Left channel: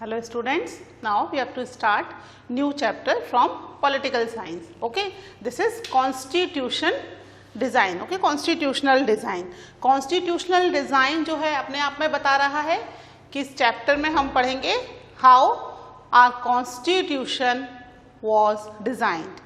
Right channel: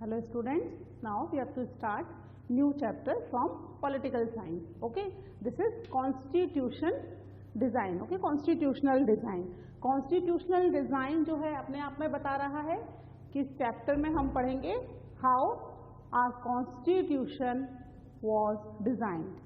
Hello students, now we have to start new chapter from political science. Okay, this is constitution design. Okay, constitutional design. Constitutional design जो है अपने आप में बता रहा है कि इस चैप्टर में हम पढ़ेंगे how our constitution was designed.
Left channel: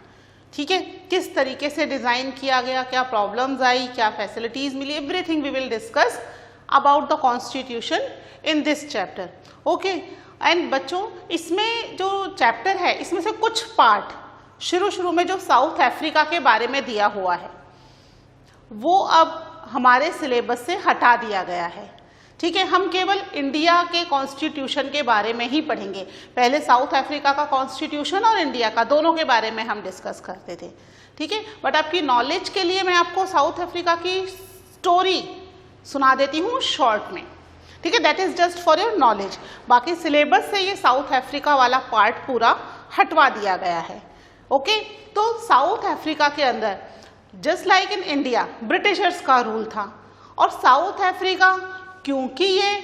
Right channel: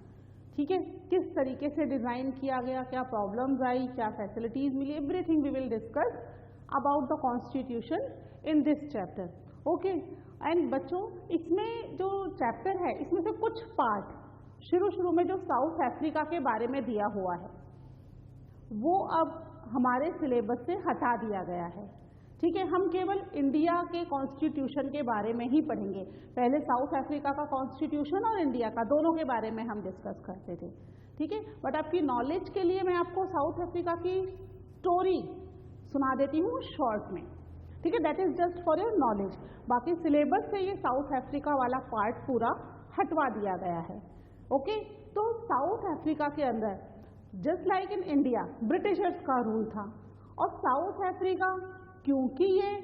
ठीक है, किस तरीके से डिज़ाइन किया गया, क्या प्रॉब्लम्स आई, क्या फैसिलिटीज़ मिली, everything we will discuss about the constitution in this chapter. Okay, and बच्चों इसमें जो चैप्टर है इसमें से कुछ पार्ट शुरू में जो साउथ अफ्रीका के बारे में दिया हुआ है वो अब हमारे सिलेबस से हटा दिया गया है. ठीक है, हम केवल इंडिया के कॉन्स्टिट्यूशन के बारे में ही पढ़ेंगे. पहले साउथ अफ्रीका का कॉन्स्टिट्यूशन और इंडिया का दोनों के बारे में हम डिस्कस करते थे. ठीक है, बट आपकी नॉलेज के लिए मैं आपको साउथ अफ्रीका की स्टोरी सुना देती हूँ शॉर्ट में. ठीक है, that is just for your knowledge. बाकी सिलेबस से ये साउथ अफ्रीका वाला पार्ट पूरा हटवा दिया गया है. ओके, तो साउथ अफ्रीका के अंदर just like in India Britishers का रूल था, और साउथ अफ्रीका क्योंकि ये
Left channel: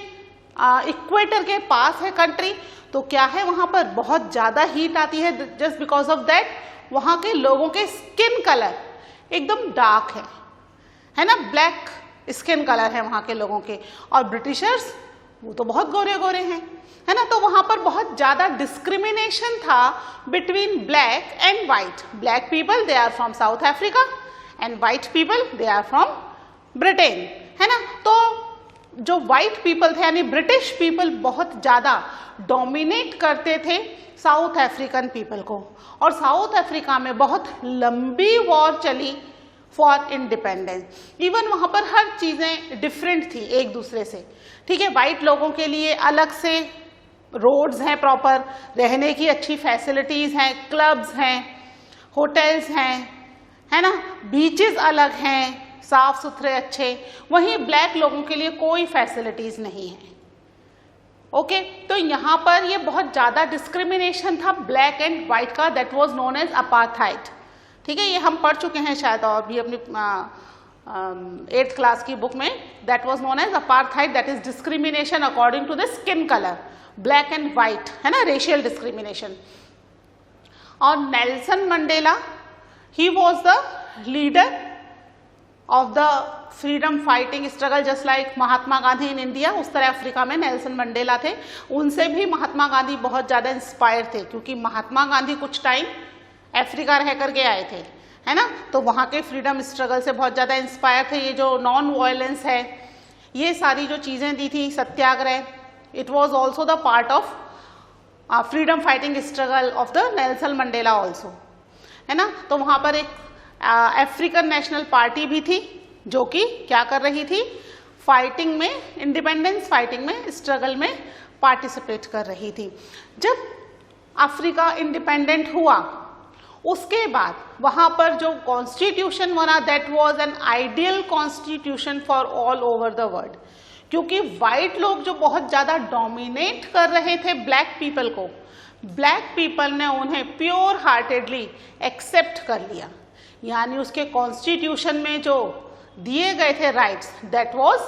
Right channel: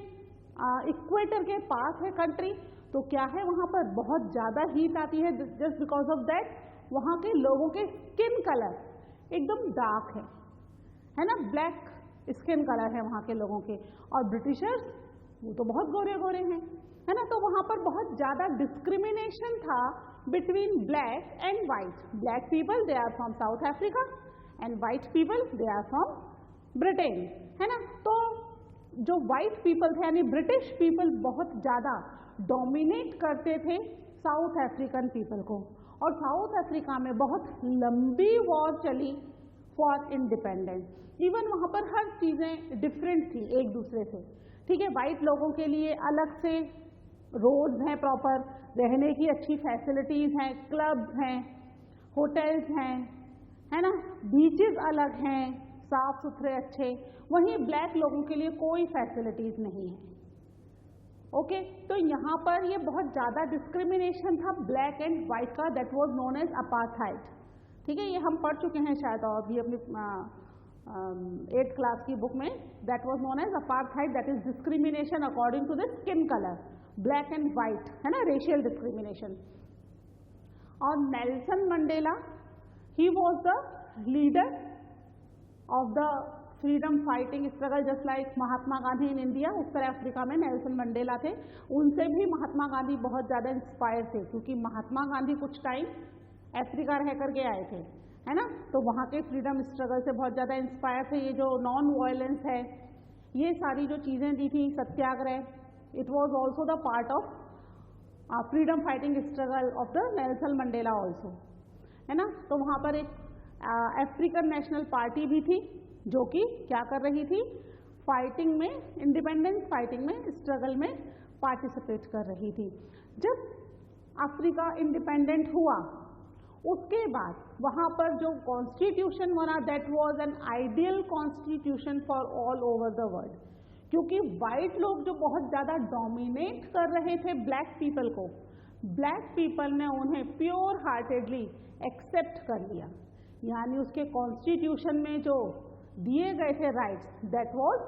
इक्वेटर के पास है कंट्री, तो क्या है वहाँ पर बहुत ज़्यादा हीट आती है. जस्ट बिकॉज ऑफ दैट वहाँ के लोगों के स्किन कलर एकदम डार्क है ना, ब्लैक स्किन कलर है वहाँ के लोगों के, और ब्रिटिशर्स वो तो बहुत गोरे गोरे हैं, है ना. तो वहाँ पर बहुत ज़्यादा डिस्क्रिमिनेशन था between black and white. Black people they are from South Africa and white people they are from Britain, है ना. तो जो वाइट पीपल थे यानी ब्रिटिश पीपल बहुत ज़्यादा डोमिनेट करते थे साउथ अफ्रीकन पीपल को, और साउथ अफ्रीका में बहुत लंबी वॉर चली फॉर इंडिपेंडेंस. इवन वहाँ पर हर चीज़ें डिफरेंट थी एक दूसरे से. ठीक है, वाइट लोगों के लिए अलग से रोड्स हैं, प्रॉपर रहने की अच्छी फैसिलिटीज़ हैं, क्लब्स हैं, होटल्स हैं, है ना, बीचेस अलग हैं, साफ सुथरे अच्छे. वहीं ब्लैक लोगों के लिए कोई फैसिलिटीज़ नहीं है. ओके, तो यहाँ पर ये बहुत ज़्यादा डिस्क्रिमिनेशन था ब्लैक एंड वाइट का, that was known as apartheid. ठीक है, ये हम पढ़ चुके हैं शायद और भी अपनी 8th क्लास की बुक में. That was known as apartheid, that is discrimination according to the skin colour, black and white, है ना, रेशियल डिस्क्रिमिनेशन. और Nelson Mandela he was the leader of the freedom fighting struggle, just like Mahatma Gandhi in India. उस तरह Africa में Nelson Mandela थे. उनसे भी महात्मा गांधी बहुत ज़्यादा इंस्पायर थे, क्योंकि महात्मा गांधी कुछ टाइम अफ्रीका रह करके आए थे, है ना. तो वहाँ के फ्रीडम स्ट्रगल से बहुत ज़्यादा इंस्पायर थे. ये जो नॉन वायलेंस है, ये सारी जो चीज़ें दी थी, सत्याग्रह, it was also the part of freedom fighting struggle of the Nelson Mandela also, है ना. तो वहाँ पर एक अफ्रीकन नेशनल पार्टी भी थी जो कि क्या कर रही थी, फाइटिंग में, इंडिपेंडेंस फाइटिंग में, स्ट्रगल में पार्टिसिपेट कर रही थी. जब अफ्रीका इंडिपेंडेंट हुआ उसके बाद वहाँ पर जो कॉन्स्टिट्यूशन बना, that was an ideal constitution for all over the world. क्योंकि वाइट लोग जो बहुत ज़्यादा डोमिनेट कर रहे थे ब्लैक पीपल को, ब्लैक पीपल ने उन्हें प्योर हार्टेडली एक्सेप्ट कर लिया. यानी उसके कॉन्स्टिट्यूशन में जो दिए गए थे rights, that was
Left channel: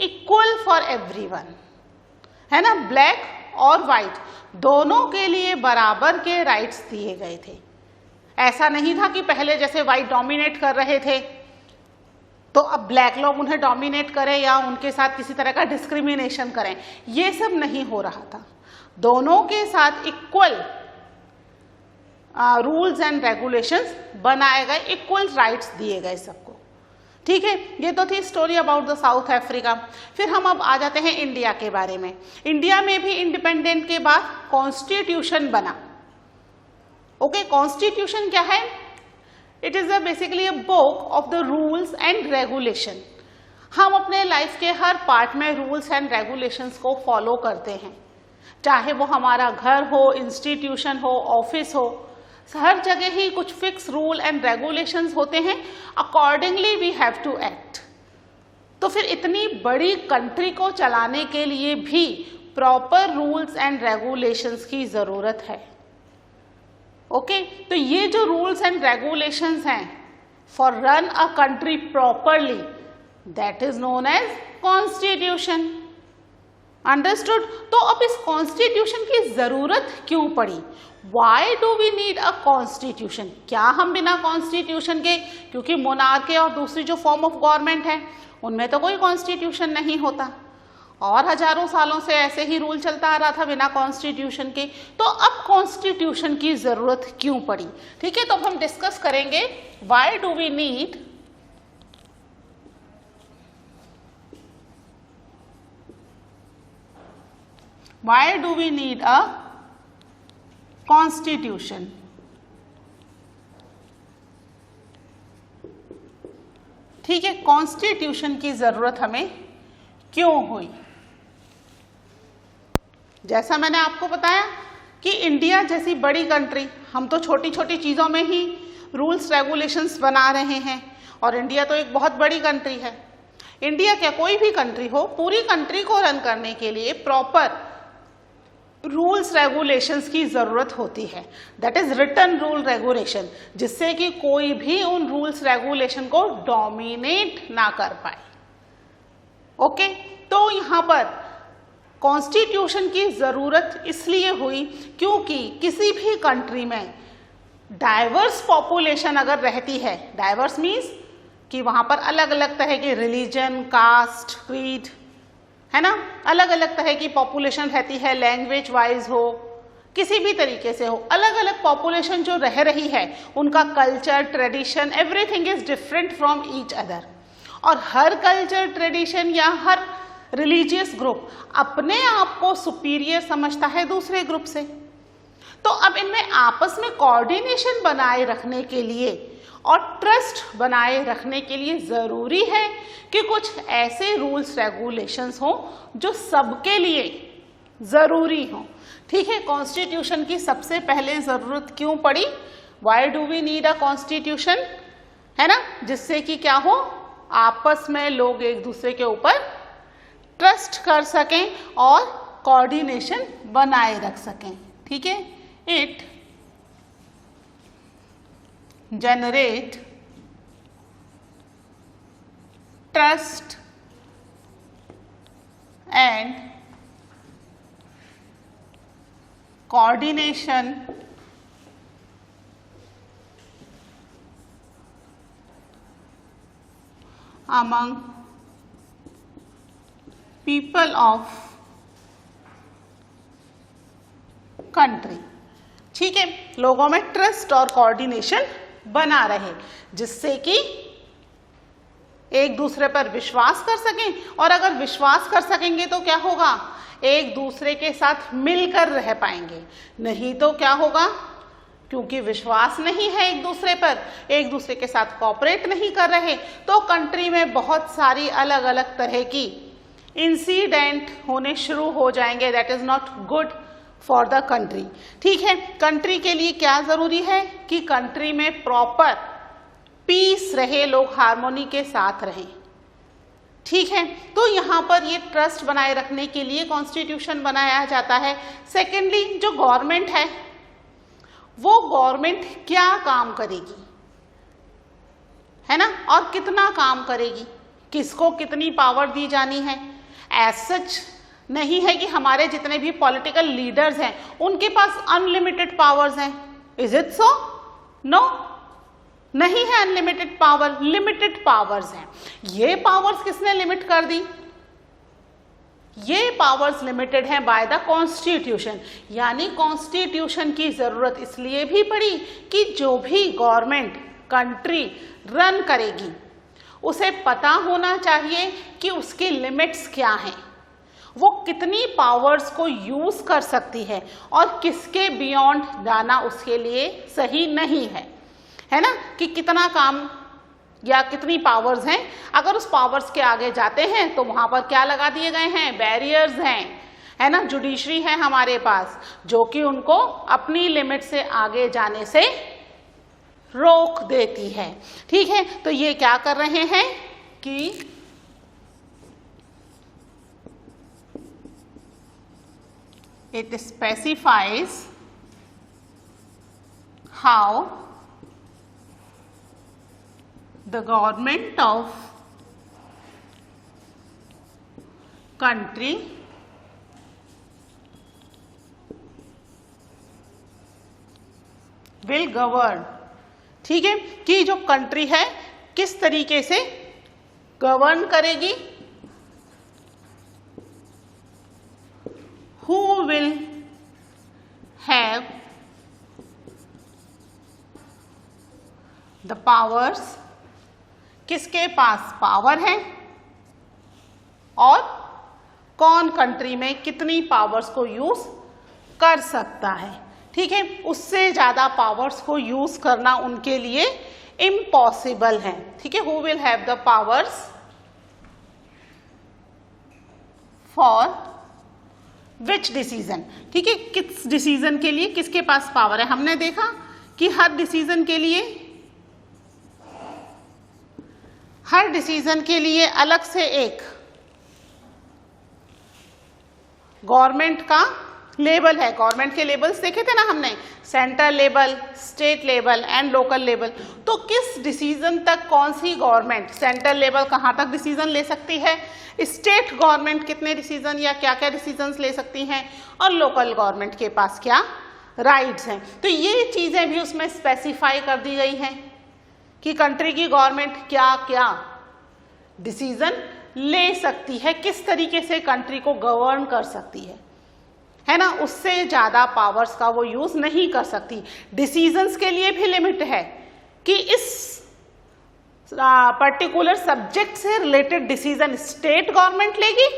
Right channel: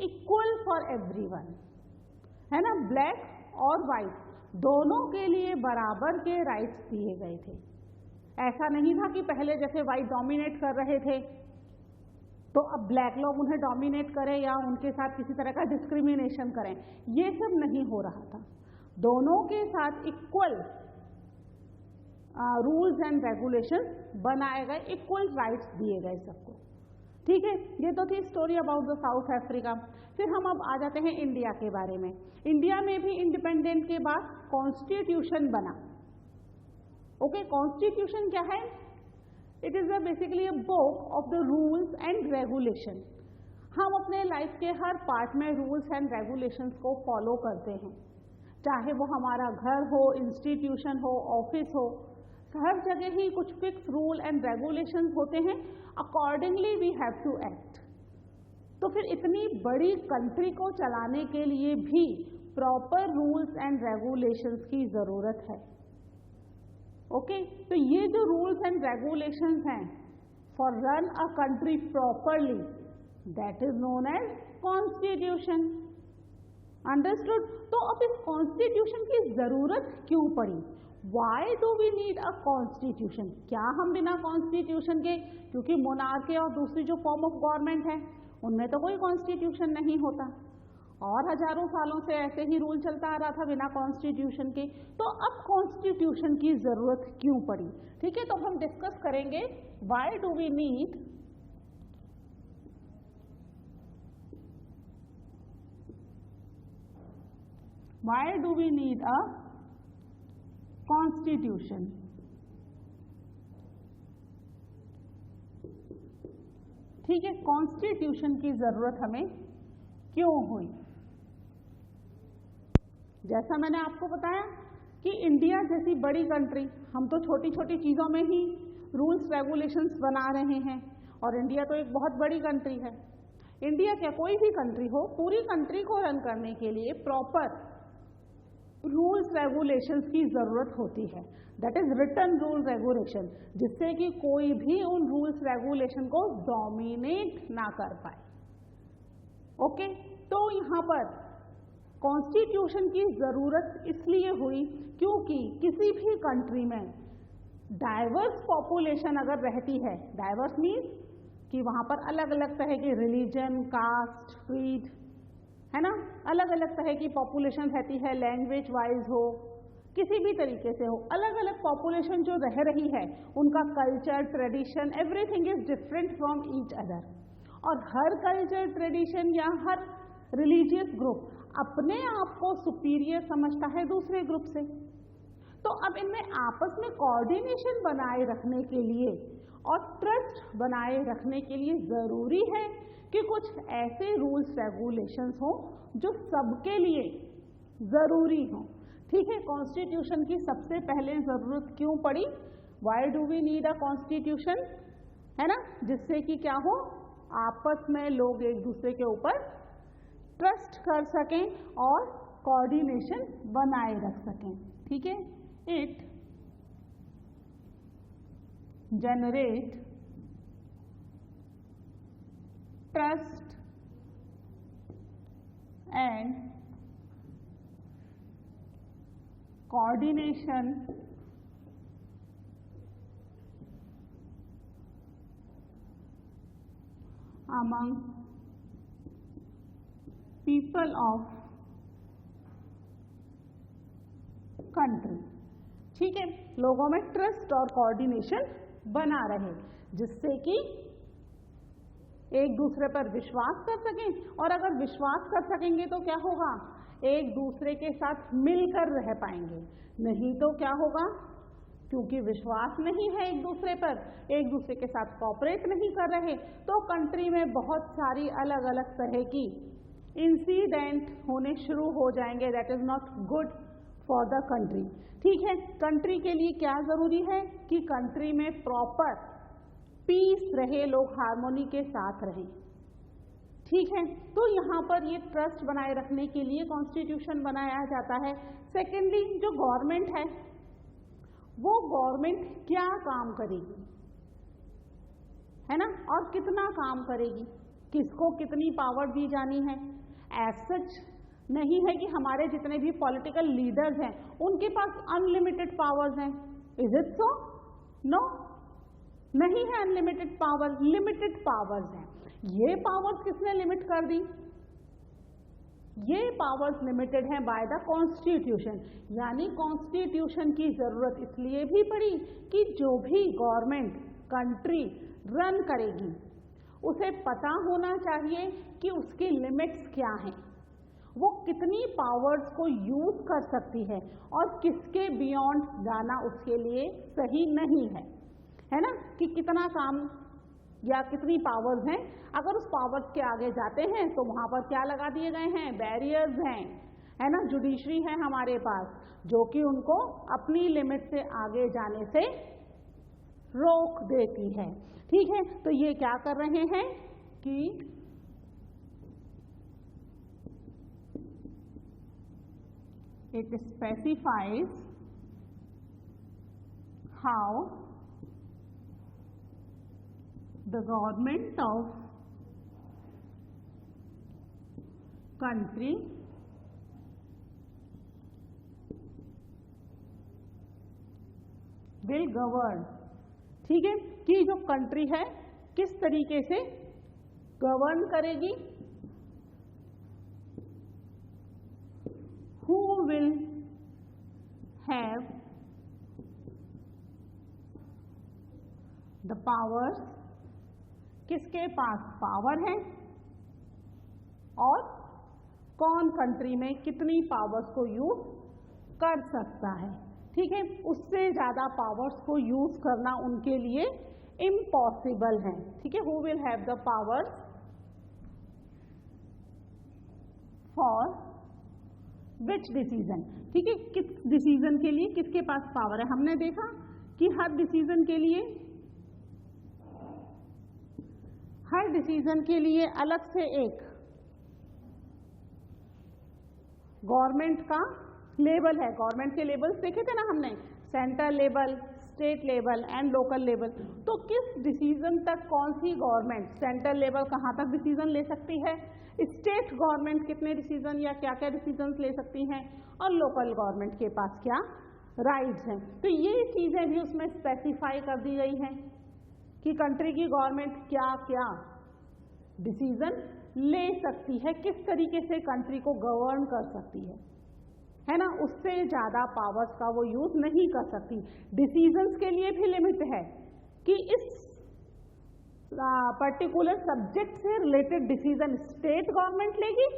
equal for everyone, है ना. ब्लैक और वाइट दोनों के लिए बराबर के राइट्स दिए गए थे. ऐसा नहीं था कि पहले जैसे वाइट डोमिनेट कर रहे थे तो अब ब्लैक लोग उन्हें डोमिनेट करें या उनके साथ किसी तरह का डिस्क्रिमिनेशन करें. ये सब नहीं हो रहा था. दोनों के साथ इक्वल रूल्स एंड रेगुलेशंस बनाए गए, इक्वल राइट्स दिए गए सबको. ठीक है, ये तो थी story about the south Africa. फिर हम अब आ जाते हैं इंडिया के बारे में. इंडिया में भी इंडिपेंडेंट के बाद कॉन्स्टिट्यूशन बना. ओके, कॉन्स्टिट्यूशन क्या है? It is basically a book of the rules and regulation. हम अपने लाइफ के हर पार्ट में रूल्स एंड रेगुलेशंस को फॉलो करते हैं, चाहे वो हमारा घर हो, इंस्टीट्यूशन हो, ऑफिस हो, हर जगह ही कुछ फिक्स रूल एंड रेगुलेशंस होते हैं. Accordingly we have to act. तो फिर इतनी बड़ी कंट्री को चलाने के लिए भी प्रॉपर रूल्स एंड रेगुलेशंस की ज़रूरत है. ओके, तो ये जो रूल्स एंड रेगुलेशंस हैं for run a country properly, that is known as constitution. Understood. तो अब इस कॉन्स्टिट्यूशन की जरूरत क्यों पड़ी? Why do we need a constitution? क्या हम बिना कॉन्स्टिट्यूशन के, क्योंकि मोनार्की और दूसरी जो फॉर्म ऑफ गवर्नमेंट है उनमें तो कोई कॉन्स्टिट्यूशन नहीं होता और हजारों सालों से ऐसे ही रूल चलता आ रहा था बिना कॉन्स्टिट्यूशन के, तो अब कॉन्स्टिट्यूशन की जरूरत क्यों पड़ी? ठीक है, तो अब हम डिस्कस करेंगे why do we need a constitution। ठीक है, कॉन्स्टिट्यूशन की जरूरत हमें क्यों हुई? जैसा मैंने आपको बताया कि इंडिया जैसी बड़ी कंट्री, हम तो छोटी छोटी चीज़ों में ही रूल्स रेगुलेशंस बना रहे हैं और इंडिया तो एक बहुत बड़ी कंट्री है। इंडिया क्या, कोई भी कंट्री हो, पूरी कंट्री को रन करने के लिए प्रॉपर रूल्स रेगुलेशंस की ज़रूरत होती है, that is written rule regulation, जिससे कि कोई भी उन रूल्स रेगुलेशन को डोमिनेट ना कर पाए। ओके, तो यहाँ पर कॉन्स्टिट्यूशन की ज़रूरत इसलिए हुई क्योंकि किसी भी कंट्री में डाइवर्स पॉपुलेशन अगर रहती है, डाइवर्स मीन्स कि वहाँ पर अलग अलग तरह के रिलीजन, कास्ट, क्रीड, है ना, अलग अलग तरह की पॉपुलेशन रहती है, लैंग्वेज वाइज हो, किसी भी तरीके से हो, अलग अलग पॉपुलेशन जो रह रही है उनका culture, tradition, everything is different from each other. और हर कल्चर, ट्रेडिशन या हर रिलीजियस ग्रुप अपने आप को सुपीरियर समझता है दूसरे ग्रुप से। तो अब इनमें आपस में कोऑर्डिनेशन बनाए रखने के लिए और ट्रस्ट बनाए रखने के लिए ज़रूरी है कि कुछ ऐसे रूल्स रेगुलेशंस हों जो सबके लिए ज़रूरी हों। ठीक है, कॉन्स्टिट्यूशन की सबसे पहले ज़रूरत क्यों पड़ी? Why do we need a constitution, है ना, जिससे कि क्या हो, आपस में लोग एक दूसरे के ऊपर ट्रस्ट कर सकें और कोऑर्डिनेशन बनाए रख सकें। ठीक है, it generate trust and coordination among people of country। ठीक है, लोगों में ट्रस्ट और कोऑर्डिनेशन बना रहे, जिससे कि एक दूसरे पर विश्वास कर सकें, और अगर विश्वास कर सकेंगे तो क्या होगा, एक दूसरे के साथ मिलकर रह पाएंगे। नहीं तो क्या होगा, क्योंकि विश्वास नहीं है एक दूसरे पर, एक दूसरे के साथ कोऑपरेट नहीं कर रहे, तो कंट्री में बहुत सारी अलग अलग तरह की इंसिडेंट होने शुरू हो जाएंगे। That is not good for the country. ठीक है, कंट्री के लिए क्या ज़रूरी है कि कंट्री में प्रॉपर पीस रहे, लोग हार्मोनी के साथ रहें। ठीक है, तो यहाँ पर ये ट्रस्ट बनाए रखने के लिए कॉन्स्टिट्यूशन बनाया जाता है। सेकेंडली, जो गवर्नमेंट है वो गवर्नमेंट क्या काम करेगी, है ना, और कितना काम करेगी, किसको कितनी पावर दी जानी है। एज सच नहीं है कि हमारे जितने भी पॉलिटिकल लीडर्स हैं उनके पास अनलिमिटेड पावर्स हैं। Is it so? नो, नहीं है अनलिमिटेड पावर, लिमिटेड पावर्स हैं। ये पावर्स किसने लिमिट कर दी? ये पावर्स लिमिटेड हैं बाय द कॉन्स्टिट्यूशन। यानी कॉन्स्टिट्यूशन की जरूरत इसलिए भी पड़ी कि जो भी गवर्नमेंट कंट्री रन करेगी उसे पता होना चाहिए कि उसकी लिमिट्स क्या हैं, वो कितनी पावर्स को यूज कर सकती है और किसके बियॉन्ड जाना उसके लिए सही नहीं है ना, कि कितना काम या कितनी पावर्स हैं। अगर उस पावर्स के आगे जाते हैं तो वहां पर क्या लगा दिए गए हैं, बैरियर्स हैं, है ना, जुडिशरी है हमारे पास जो कि उनको अपनी लिमिट से आगे जाने से रोक देती है। ठीक है, तो ये क्या कर रहे हैं कि it specifies how the government of country will govern, ठीक है, कि जो कंट्री है किस तरीके से गवर्न करेगी, who will have the powers, किसके पास पावर है और कौन कंट्री में कितनी पावर्स को यूज कर सकता है, ठीक है, उससे ज्यादा पावर्स को यूज करना उनके लिए इम्पॉसिबल है, ठीक है। Who will have the powers for which decision, ठीक है, किस डिसीजन के लिए किसके पास पावर है। हमने देखा कि हर डिसीजन के लिए अलग से एक गवर्नमेंट का लेवल है। गवर्नमेंट के लेवल्स देखे थे ना हमने, central level, state level and local level. तो किस डिसीजन तक कौन सी गवर्नमेंट, सेंट्रल लेवल कहाँ तक डिसीजन ले सकती है, स्टेट गवर्नमेंट कितने डिसीजन या क्या क्या डिसीजंस ले सकती हैं, और लोकल गवर्नमेंट के पास क्या राइट्स हैं। तो ये चीज़ें भी उसमें स्पेसिफाई कर दी गई हैं कि कंट्री की गवर्नमेंट क्या क्या डिसीजन ले सकती है, किस तरीके से कंट्री को गवर्न कर सकती है ना, उससे ज़्यादा पावर्स का वो यूज़ नहीं कर सकती। डिसीजंस के लिए भी लिमिट है कि इस पर्टिकुलर सब्जेक्ट से रिलेटेड डिसीजन स्टेट गवर्नमेंट लेगी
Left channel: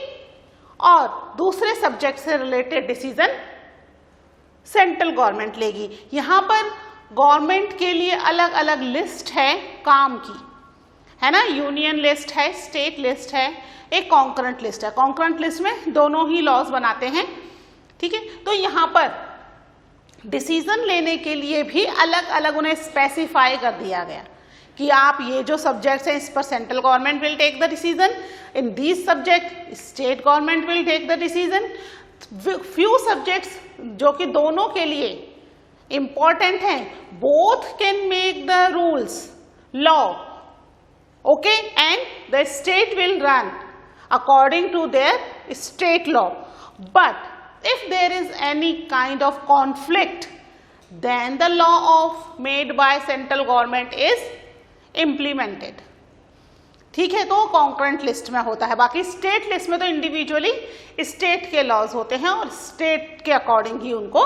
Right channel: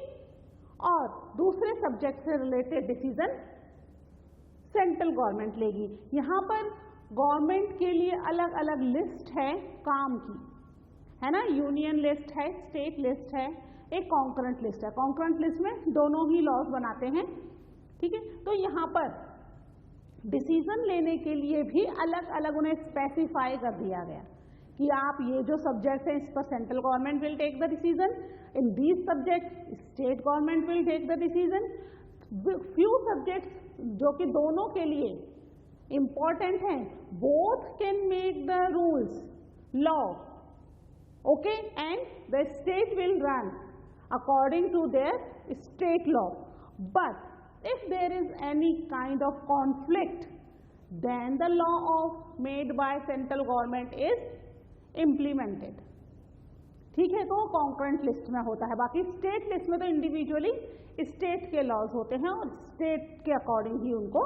और दूसरे सब्जेक्ट से रिलेटेड डिसीजन सेंट्रल गवर्नमेंट लेगी। यहाँ पर गवर्नमेंट के लिए अलग अलग लिस्ट है काम की, है ना, यूनियन लिस्ट है, स्टेट लिस्ट है, एक कॉन्करेंट लिस्ट है। कॉन्करेंट लिस्ट में दोनों ही लॉज बनाते हैं, ठीक है। तो यहाँ पर डिसीजन लेने के लिए भी अलग अलग उन्हें स्पेसिफाई कर दिया गया कि आप ये जो सब्जेक्ट्स हैं इस पर central government will take the decision, in these subject state government will take the decision. Few subjects जो कि दोनों के लिए इंपॉर्टेंट हैं, both can make the rules law, okay, and the state will run according to their state law, but if there is any kind of conflict then the law of made by central government is implemented, ठीक है। तो concurrent list में होता है, बाकी state list में तो individually state के लॉज होते हैं और स्टेट के अकॉर्डिंग ही उनको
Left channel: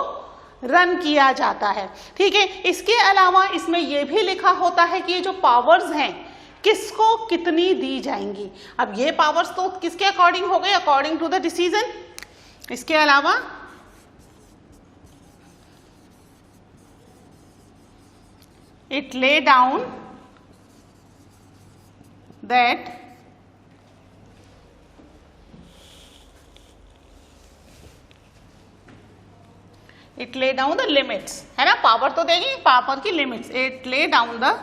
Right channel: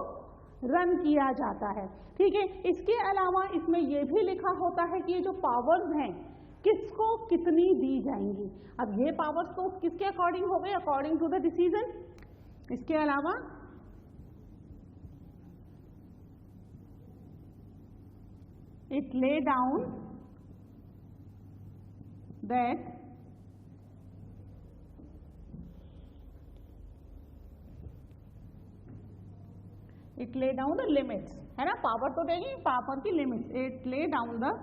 रन किया जाता है, ठीक है। इसके अलावा इसमें यह भी लिखा होता है कि ये जो पावर्स हैं किसको कितनी दी जाएंगी। अब ये पावर्स तो किसके अकॉर्डिंग हो गए, अकॉर्डिंग टू द डिसीजन। इसके अलावा it lay down that it lay down the limits, है ना, पावर तो देगी, पावर की limits. It lay down the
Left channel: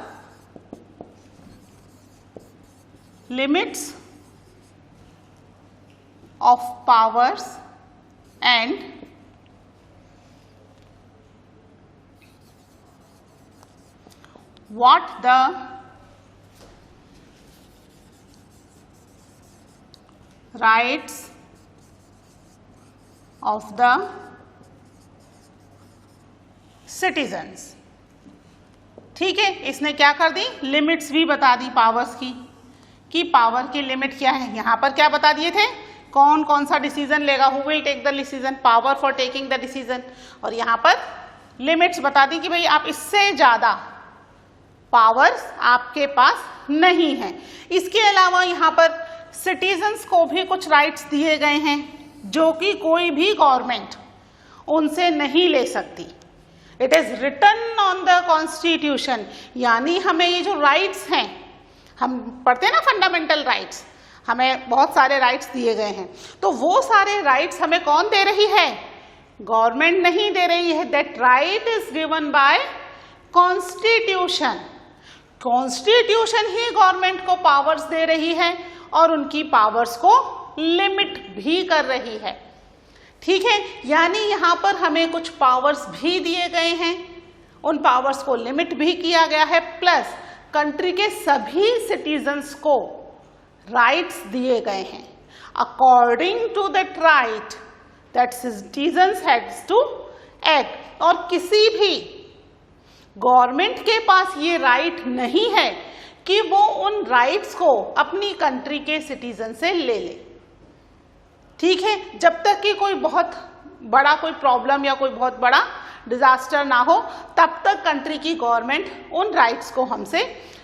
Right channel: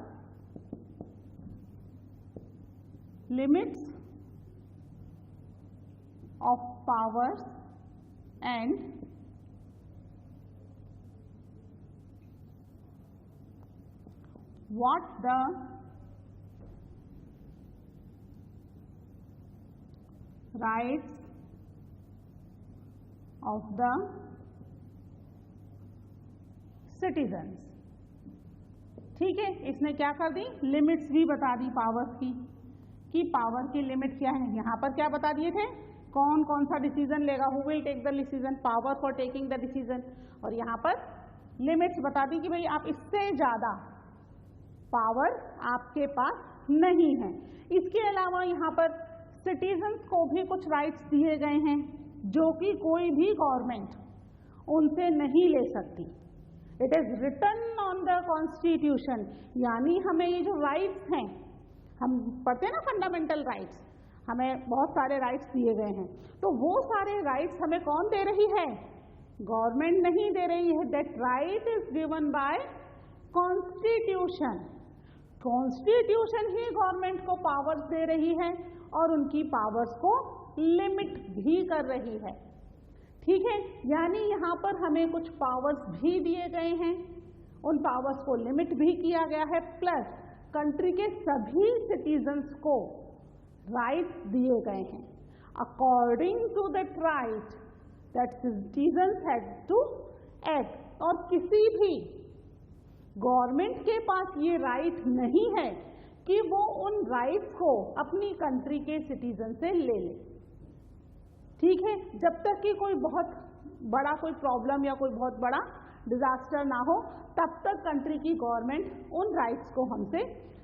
limits of powers and what the rights of the citizens, ठीक है। इसने क्या कर दी, लिमिट्स भी बता दी पावर्स की कि पावर की लिमिट क्या है। यहाँ पर क्या बता दिए थे, कौन कौन सा डिसीजन लेगा, who will take the decision, power for taking the decision, और यहाँ पर लिमिट्स बता दी कि भाई आप इससे ज़्यादा पावर्स आपके पास नहीं है। इसके अलावा यहाँ पर सिटीजन्स को भी कुछ राइट्स दिए गए हैं जो कि कोई भी गवर्नमेंट उनसे नहीं ले सकती। It is written on the constitution, यानी हमें ये जो राइट्स हैं, हम पढ़ते हैं ना फंडामेंटल राइट्स, हमें बहुत सारे राइट्स दिए गए हैं, तो वो सारे राइट्स हमें कौन दे रही है, गवर्नमेंट नहीं दे रही है। That right is given by constitution. Constitution he government को पावर्स दे रही है और उनकी पावर्स को लिमिट भी कर रही है, ठीक है। यानी यहाँ पर हमें कुछ पावर्स भी दिए गए हैं, उन पावर्स को लिमिट भी किया गया है, प्लस कंट्री के सभी सिटीजन्स को राइट्स दिए गए हैं। According to that right that citizens has to act, और किसी भी गवर्नमेंट के पास ये राइट नहीं है कि वो उन राइट्स को अपनी कंट्री के सिटीजन से ले ले। ठीक है, जब तक कि कोई बहुत बड़ा कोई प्रॉब्लम या कोई बहुत बड़ा डिजास्टर ना हो, तब तक कंट्री की गवर्नमेंट उन राइट्स को हमसे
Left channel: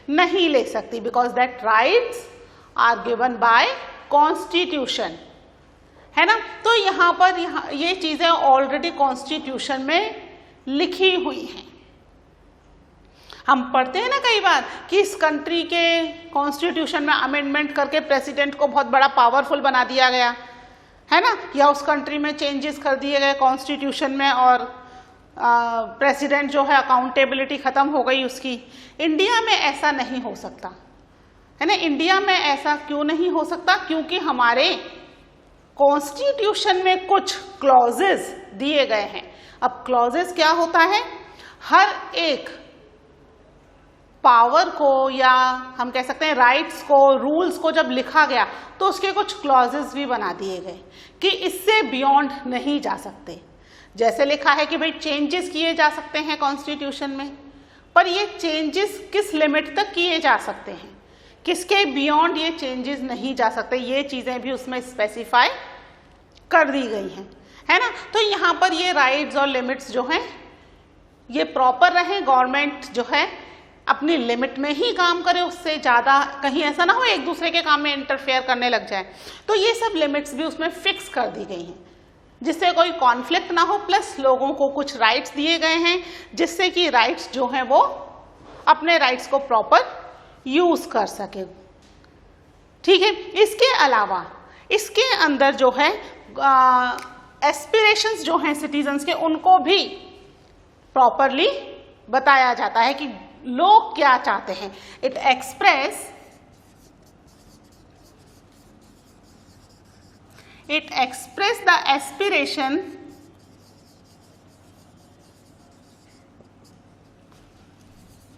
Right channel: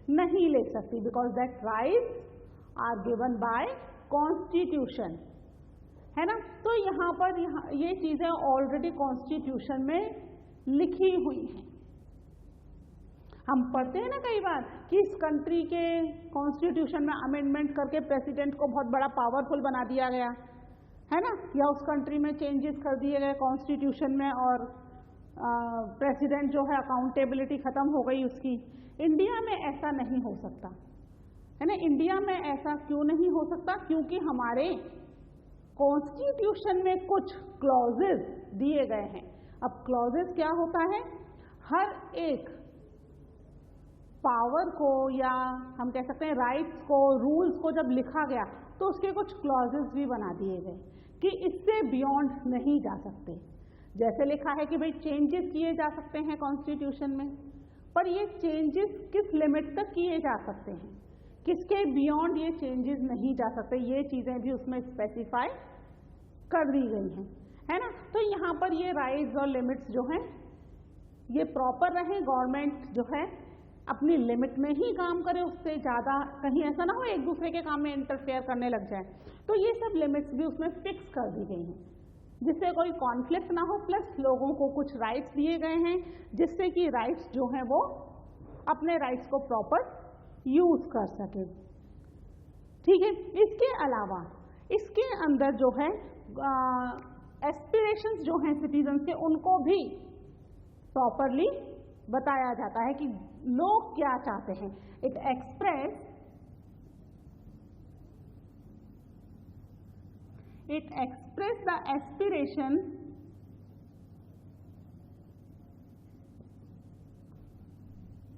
नहीं ले सकती, because that rights are given by constitution, है ना। तो यहाँ पर ये चीजें ऑलरेडी कॉन्स्टिट्यूशन में लिखी हुई हैं। हम पढ़ते हैं ना कई बार कि इस कंट्री के कॉन्स्टिट्यूशन में अमेंडमेंट करके प्रेसिडेंट को बहुत बड़ा पावरफुल बना दिया गया, है ना, या उस कंट्री में चेंजेस कर दिए गए कॉन्स्टिट्यूशन में और प्रेसिडेंट जो है अकाउंटेबिलिटी खत्म हो गई उसकी। इंडिया में ऐसा नहीं हो सकता, है ना। इंडिया में ऐसा क्यों नहीं हो सकता? क्योंकि हमारे कॉन्स्टिट्यूशन में कुछ क्लॉजेस दिए गए हैं। अब क्लॉजेस क्या होता है? हर एक पावर को या हम कह सकते हैं राइट्स को, रूल्स को जब लिखा गया तो उसके कुछ क्लॉजेस भी बना दिए गए कि इससे बियॉन्ड नहीं जा सकते। जैसे लिखा है कि भाई चेंजेस किए जा सकते हैं कॉन्स्टिट्यूशन में, पर ये चेंजेस किस लिमिट तक किए जा सकते हैं, किसके बियॉन्ड ये चेंजेस नहीं जा सकते, ये चीजें भी उसमें स्पेसिफाई कर दी गई हैं, है ना। तो यहाँ पर ये राइट्स और लिमिट्स जो हैं ये प्रॉपर रहे, गवर्नमेंट जो है अपनी लिमिट में ही काम करे, उससे ज़्यादा कहीं ऐसा ना हो एक दूसरे के काम में इंटरफेयर करने लग जाए। तो ये सब लिमिट्स भी उसमें फिक्स कर दी गई हैं जिससे कोई कॉन्फ्लिक्ट ना हो, प्लस लोगों को कुछ राइट्स दिए गए हैं जिससे कि राइट्स जो हैं वो अपने राइट्स को प्रॉपर यूज कर सके। ठीक है, इसके अलावा इसके अंदर जो है एस्पिरेशंस जो हैं सिटीजन्स के, उनको भी प्रॉपरली बताया जाता है कि लोग क्या चाहते हैं। It express the aspiration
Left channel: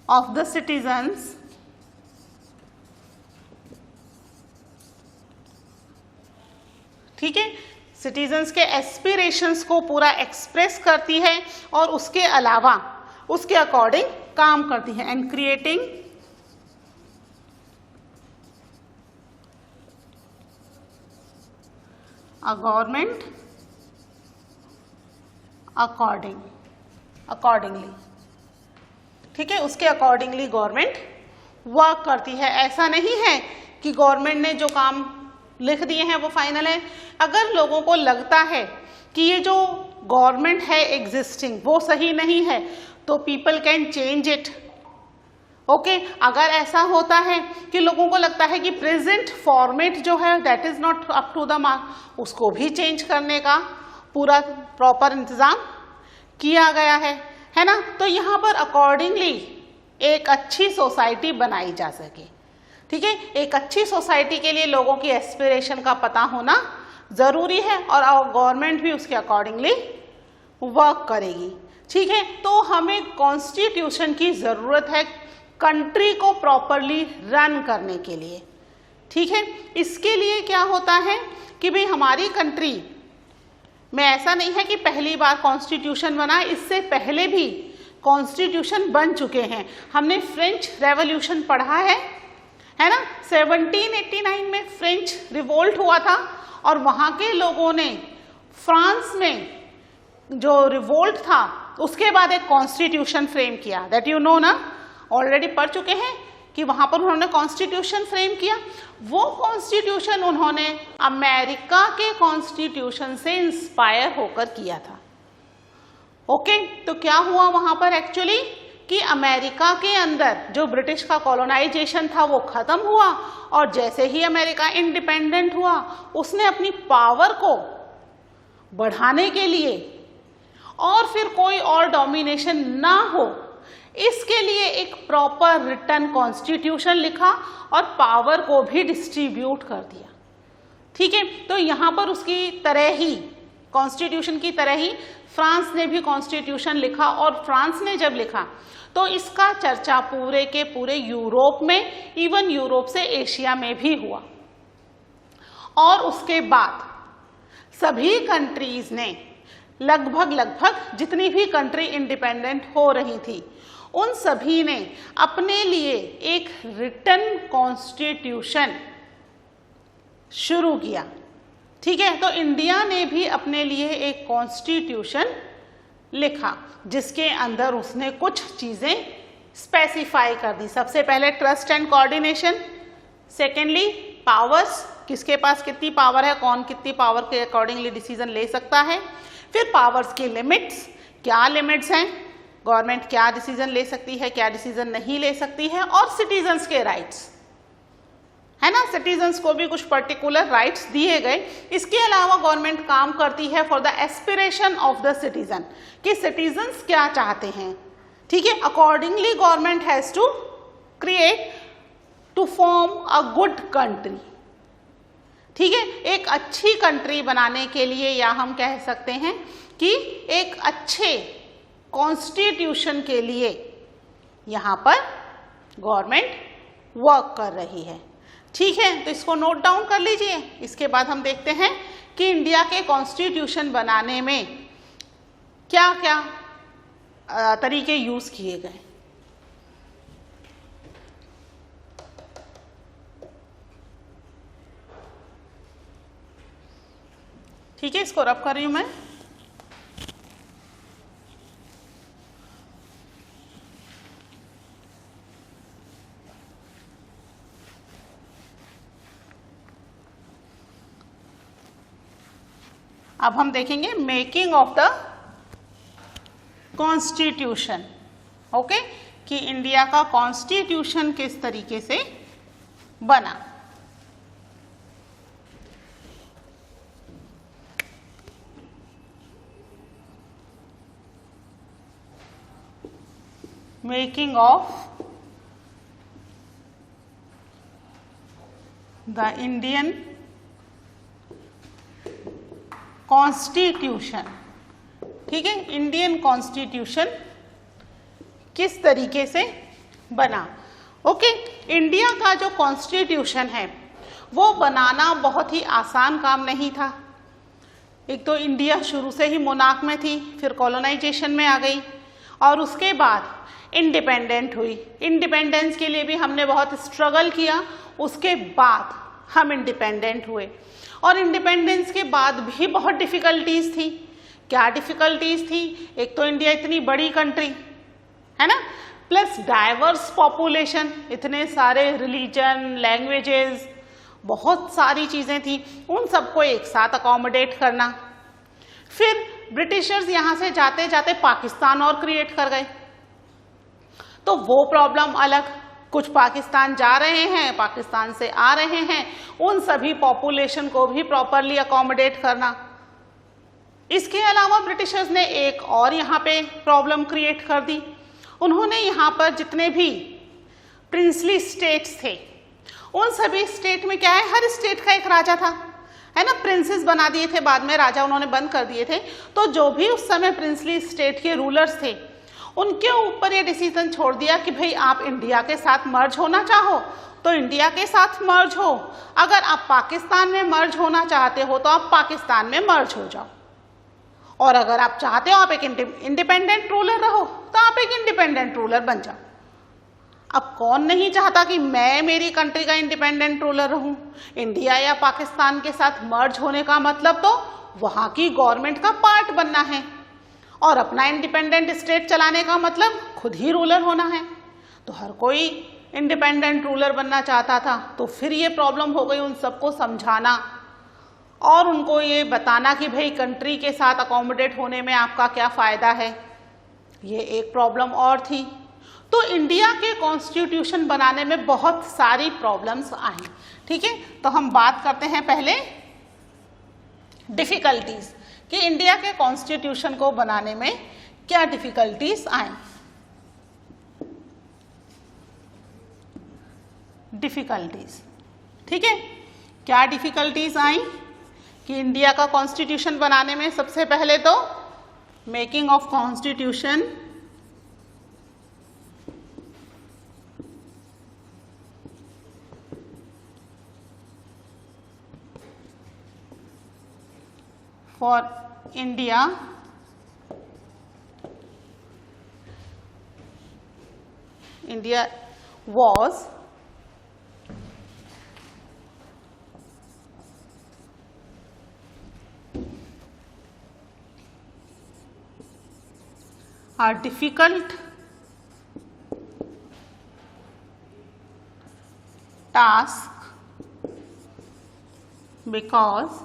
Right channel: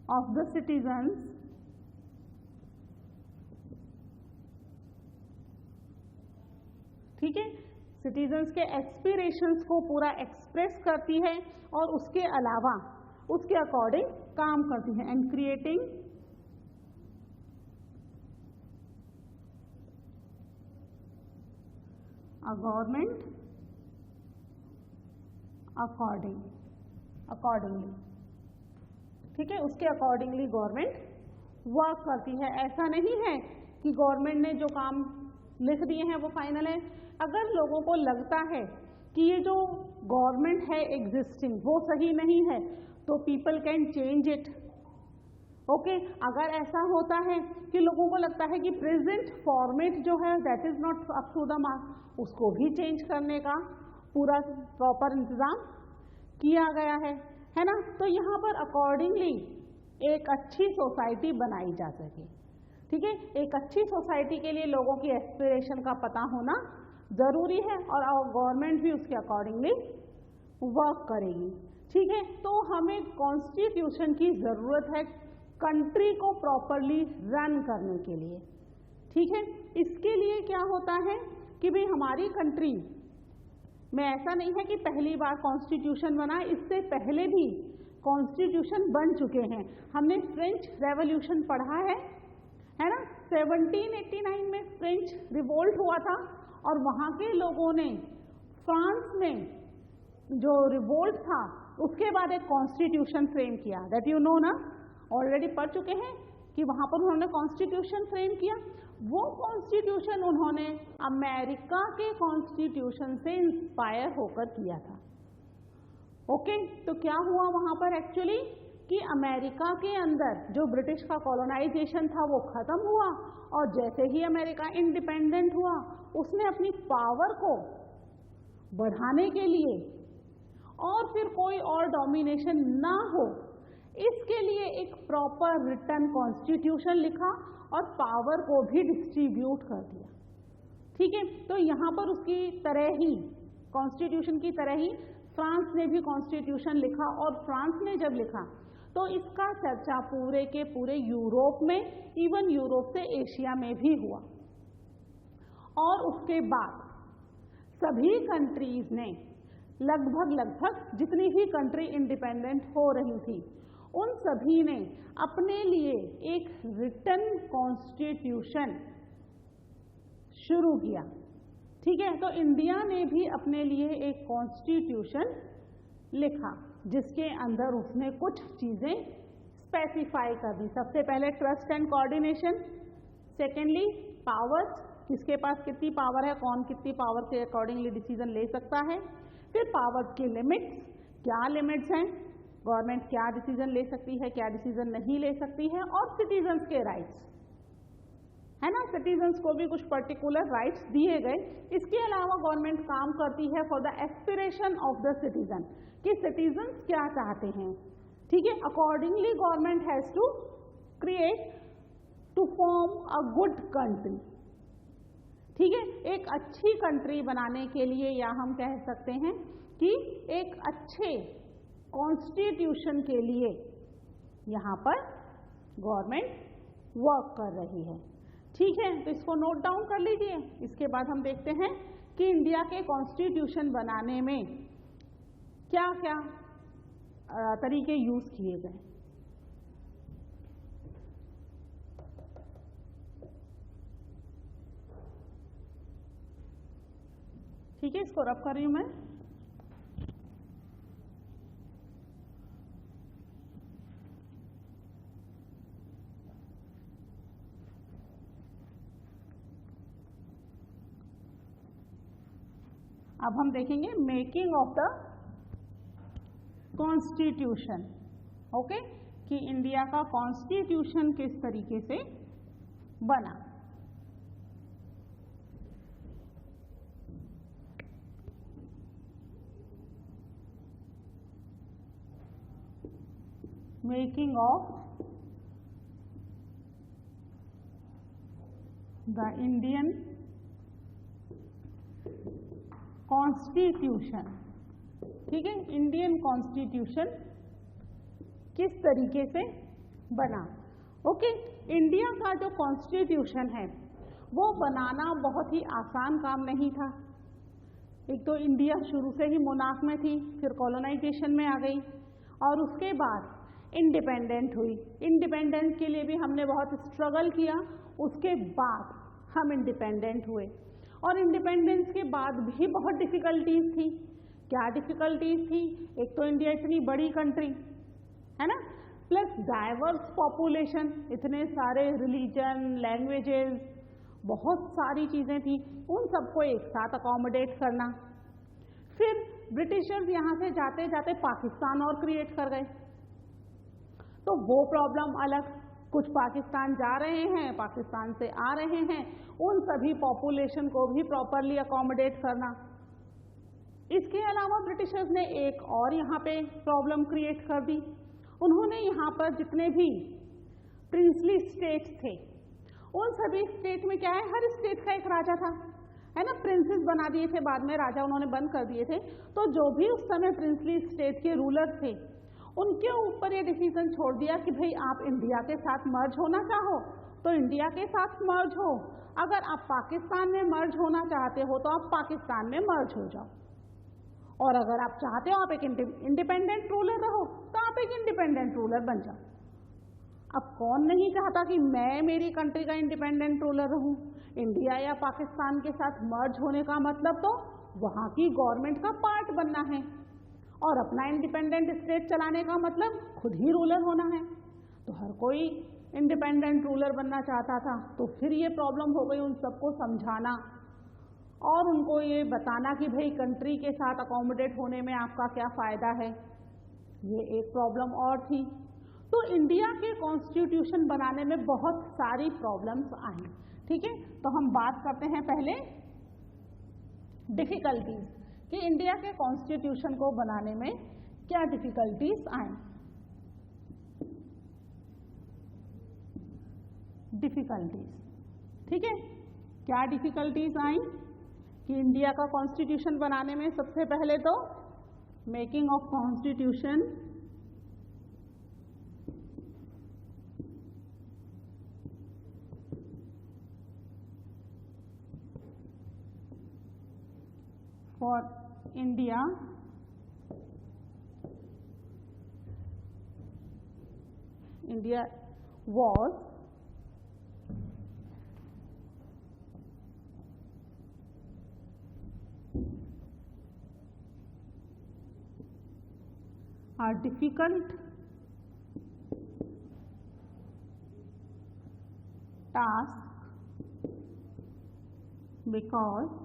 of the citizens ठीक है, सिटीजन्स के एस्पिरेशंस को पूरा एक्सप्रेस करती है और उसके अलावा उसके अकॉर्डिंग काम करती है। And creating a government accordingly, ठीक है, उसके अकॉर्डिंगली गवर्नमेंट वर्क करती है। ऐसा नहीं है कि गवर्नमेंट ने जो काम लिख दिए हैं वो फाइनल है। अगर लोगों को लगता है कि ये जो गवर्नमेंट है एग्जिस्टिंग वो सही नहीं है तो people can change it. Okay, अगर ऐसा होता है कि लोगों को लगता है कि प्रेजेंट फॉर्मेट जो है that is not up to the mark, उसको भी चेंज करने का पूरा प्रॉपर इंतजाम किया गया है ना। तो यहाँ पर अकॉर्डिंगली एक अच्छी सोसाइटी बनाई जा सके। ठीक है, एक अच्छी सोसाइटी के लिए लोगों की एस्पिरेशन का पता होना जरूरी है और गवर्नमेंट भी उसके अकॉर्डिंगली वर्क करेगी। ठीक है, तो हमें कॉन्स्टिट्यूशन की जरूरत है कंट्री को प्रॉपरली रन करने के लिए। ठीक है, इसके लिए क्या होता है कि भाई हमारी कंट्री में ऐसा नहीं है कि पहली बार कॉन्स्टिट्यूशन बना, इससे पहले भी कॉन्स्टिट्यूशन बन चुके हैं। हमने फ्रेंच रेवोल्यूशन पढ़ा है ना। 1789 में फ्रेंच रिवोल्ट हुआ था और वहाँ के लोगों ने फ्रांस में जो रिवोल्ट था उसके बाद एक कॉन्स्टिट्यूशन फ्रेम किया। दैट यू नो ना, ऑलरेडी पढ़ चुके हैं कि वहाँ पर उन्होंने कॉन्स्टिट्यूशन फ्रेम किया। वो कॉन्स्टिट्यूशन उन्होंने अमेरिका के कॉन्स्टिट्यूशन से इंस्पायर होकर किया था। ओके, तो क्या हुआ वहाँ पर एक्चुअली कि अमेरिका के अंदर जो ब्रिटिश का कॉलोनाइजेशन था वो खत्म हुआ और जैसे ही अमेरिका इंडिपेंडेंट हुआ उसने अपनी पावर को बढ़ाने के लिए और फिर कोई और डोमिनेशन ना हो इसके लिए एक प्रॉपर रिटन कॉन्स्टिट्यूशन लिखा और पावर को भी डिस्ट्रीब्यूट कर दिया। ठीक है, तो यहाँ पर उसकी तरह ही कॉन्स्टिट्यूशन की तरह ही फ्रांस ने भी कॉन्स्टिट्यूशन लिखा और फ्रांस ने जब लिखा तो इसका चर्चा पूरे के पूरे यूरोप में, इवन यूरोप से एशिया में भी हुआ। और उसके बाद सभी कंट्रीज ने लगभग जितनी भी कंट्री इंडिपेंडेंट हो रही थी उन सभी ने अपने लिए एक रिटन कॉन्स्टिट्यूशन शुरू किया। ठीक है, तो इंडिया ने भी अपने लिए एक कॉन्स्टिट्यूशन लिखा जिसके अंदर उसने कुछ चीजें स्पेसिफाई कर दी। सबसे पहले trust and coordination, secondly powers, किसके पास कितनी पावर है, कौन कितनी पावर के अकॉर्डिंगली डिसीजन ले सकता है। फिर पावर्स की लिमिट्स, क्या लिमिट्स हैं, गवर्नमेंट क्या डिसीजन ले सकती है, क्या डिसीजन नहीं ले सकती है। और सिटीजन्स के राइट्स, है ना, सिटीजन्स को भी कुछ पर्टिकुलर राइट्स दिए गए। इसके अलावा गवर्नमेंट काम करती है for the aspiration of the citizen, कि सिटीजन्स क्या चाहते हैं। ठीक है, accordingly government has to create to form a good country. ठीक है, एक अच्छी कंट्री बनाने के लिए, या हम कह सकते हैं कि एक अच्छे कॉन्स्टिट्यूशन के लिए यहाँ पर गवर्नमेंट वर्क कर रही है। ठीक है, तो इसको नोट डाउन कर लीजिए। इसके बाद हम देखते हैं कि इंडिया के कॉन्स्टिट्यूशन बनाने में क्या क्या तरीके यूज किए गए। ठीक है, इसको रब कर रही हूं मैं। अब हम देखेंगे making of the constitution. Okay, कि इंडिया का कॉन्स्टिट्यूशन किस तरीके से बना। Making of the Indian constitution. ठीक है, इंडियन कॉन्स्टिट्यूशन किस तरीके से बना। ओके, इंडिया का जो कॉन्स्टिट्यूशन है वो बनाना बहुत ही आसान काम नहीं था। एक तो इंडिया शुरू से ही मोनार्क में थी, फिर कॉलोनाइजेशन में आ गई और उसके बाद इंडिपेंडेंट हुई। इंडिपेंडेंस के लिए भी हमने बहुत स्ट्रगल किया, उसके बाद हम इंडिपेंडेंट हुए। और इंडिपेंडेंस के बाद भी बहुत डिफ़िकल्टीज थी। क्या डिफ़िकल्टीज थी, एक तो इंडिया इतनी बड़ी कंट्री है ना, प्लस डाइवर्स पॉपुलेशन, इतने सारे रिलीजन, लैंग्वेजेस, बहुत सारी चीज़ें थी, उन सबको एक साथ अकोमोडेट करना। फिर ब्रिटिशर्स यहाँ से जाते जाते पाकिस्तान और क्रिएट कर गए, तो वो प्रॉब्लम अलग। कुछ पाकिस्तान जा रहे हैं, पाकिस्तान से आ रहे हैं, उन सभी पॉपुलेशन को भी प्रॉपरली अकोमोडेट करना। इसके अलावा ब्रिटिशर्स ने एक और यहाँ पे प्रॉब्लम क्रिएट कर दी। उन्होंने यहाँ पर जितने भी प्रिंसली स्टेट्स थे, उन सभी स्टेट में क्या है, हर स्टेट का एक राजा था, है ना, प्रिंसेस बना दिए थे, बाद में राजा उन्होंने बंद कर दिए थे। तो जो भी उस समय प्रिंसली स्टेट के रूलर्स थे, उनके ऊपर ये डिसीजन छोड़ दिया कि भाई आप इंडिया के साथ मर्ज होना चाहो तो इंडिया के साथ मर्ज हो, अगर आप पाकिस्तान में मर्ज होना चाहते हो तो आप पाकिस्तान में मर्ज हो जाओ, और अगर आप चाहते हो आप एक इंडिपेंडेंट रूलर रहो तो आप एक इंडिपेंडेंट रूलर बन जाओ। अब कौन नहीं चाहता कि मैं मेरी कंट्री का इंडिपेंडेंट रूलर रहूं। इंडिया या पाकिस्तान के साथ मर्ज होने का मतलब तो वहां की गवर्नमेंट का पार्ट बनना है, और अपना इंडिपेंडेंट स्टेट चलाने का मतलब खुद ही रूलर होना है। तो हर कोई इंडिपेंडेंट रूलर बनना चाहता था। तो फिर ये प्रॉब्लम हो गई उन सबको समझाना और उनको ये बताना कि भाई कंट्री के साथ अकोमोडेट होने में आपका क्या फ़ायदा है। ये एक प्रॉब्लम और थी। तो इंडिया के कॉन्स्टिट्यूशन बनाने में बहुत सारी प्रॉब्लम्स आई। ठीक है, तो हम बात करते हैं पहले डिफ़िकल्टीज कि इंडिया के कॉन्स्टिट्यूशन को बनाने में क्या डिफ़िकल्टीज आई। डिफ़िकल्टीज, ठीक है, क्या डिफ़िकल्टीज आई कि इंडिया का कॉन्स्टिट्यूशन बनाने में सबसे पहले तो making of constitution, for India India was a difficult task because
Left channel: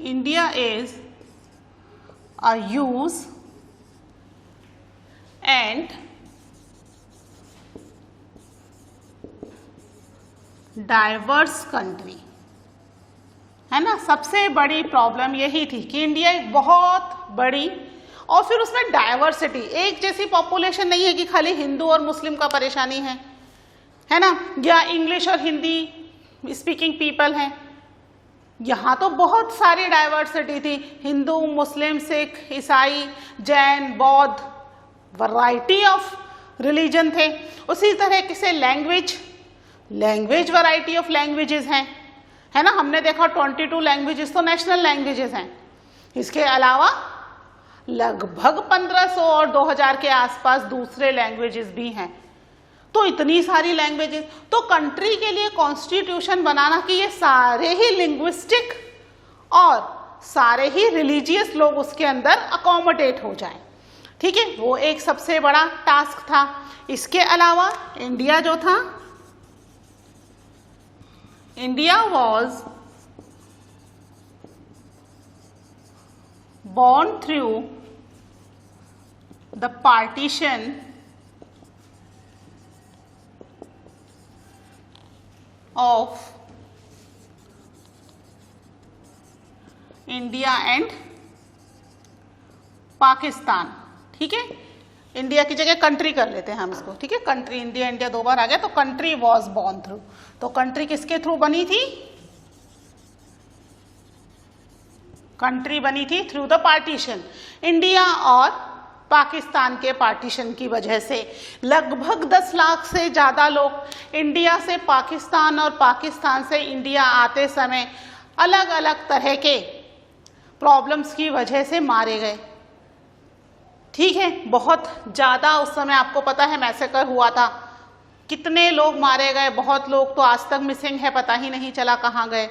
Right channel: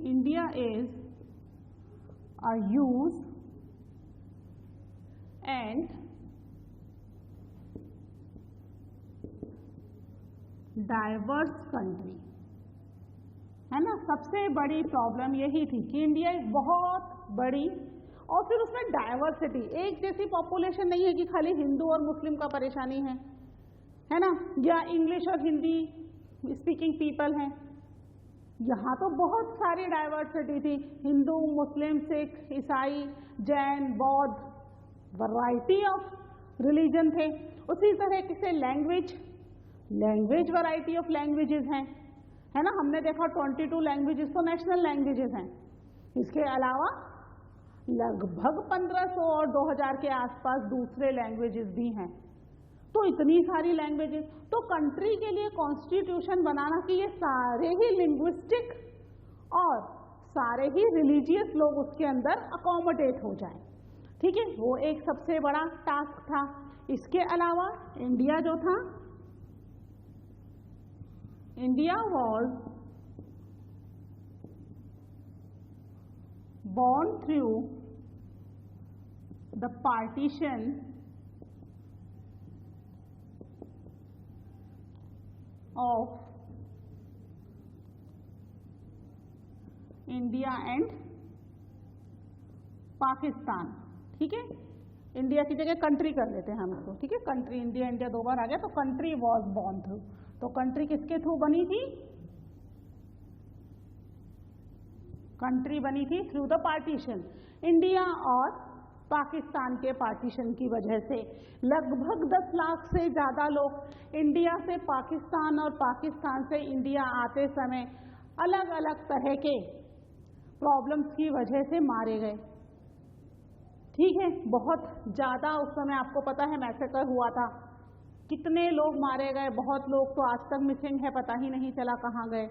India is a huge and diverse country, है ना। सबसे बड़ी प्रॉब्लम यही थी कि इंडिया एक बहुत बड़ी और फिर उसमें डाइवर्सिटी, एक जैसी पॉपुलेशन नहीं है कि खाली हिंदू और मुस्लिम का परेशानी है ना, या इंग्लिश और हिंदी स्पीकिंग पीपल हैं। यहाँ तो बहुत सारी डाइवर्सिटी थी, हिंदू, मुस्लिम, सिख, ईसाई, जैन, बौद्ध, वैरायटी ऑफ रिलीजन थे। उसी तरह से लैंग्वेज वैरायटी ऑफ लैंग्वेजेस हैं, है ना। हमने देखा 22 लैंग्वेजेस तो नेशनल लैंग्वेजेस हैं। इसके अलावा लगभग 1500 और 2000 के आसपास दूसरे लैंग्वेजेस भी हैं। तो इतनी सारी लैंग्वेजेस, तो कंट्री के लिए कॉन्स्टिट्यूशन बनाना कि ये सारे ही लिंग्विस्टिक और सारे ही रिलीजियस लोग उसके अंदर अकोमोडेट हो जाएं, ठीक है, वो एक सबसे बड़ा टास्क था। इसके अलावा इंडिया जो था, India was born through the partition of India and Pakistan, ठीक है। इंडिया की जगह कंट्री कर लेते हैं हम इसको, ठीक है। कंट्री, इंडिया दो बार आ गया, तो कंट्री वॉज बॉर्न थ्रू, तो कंट्री किसके थ्रू बनी थी? कंट्री बनी थी थ्रू द पार्टीशन। इंडिया और पाकिस्तान के पार्टीशन की वजह से लगभग 10 लाख से ज़्यादा लोग इंडिया से पाकिस्तान और पाकिस्तान से इंडिया आते समय अलग अलग तरह के प्रॉब्लम्स की वजह से मारे गए, ठीक है। बहुत ज़्यादा उस समय आपको पता है मैसेकर हुआ था, कितने लोग मारे गए, बहुत लोग तो आज तक मिसिंग है, पता ही नहीं चला कहाँ गए,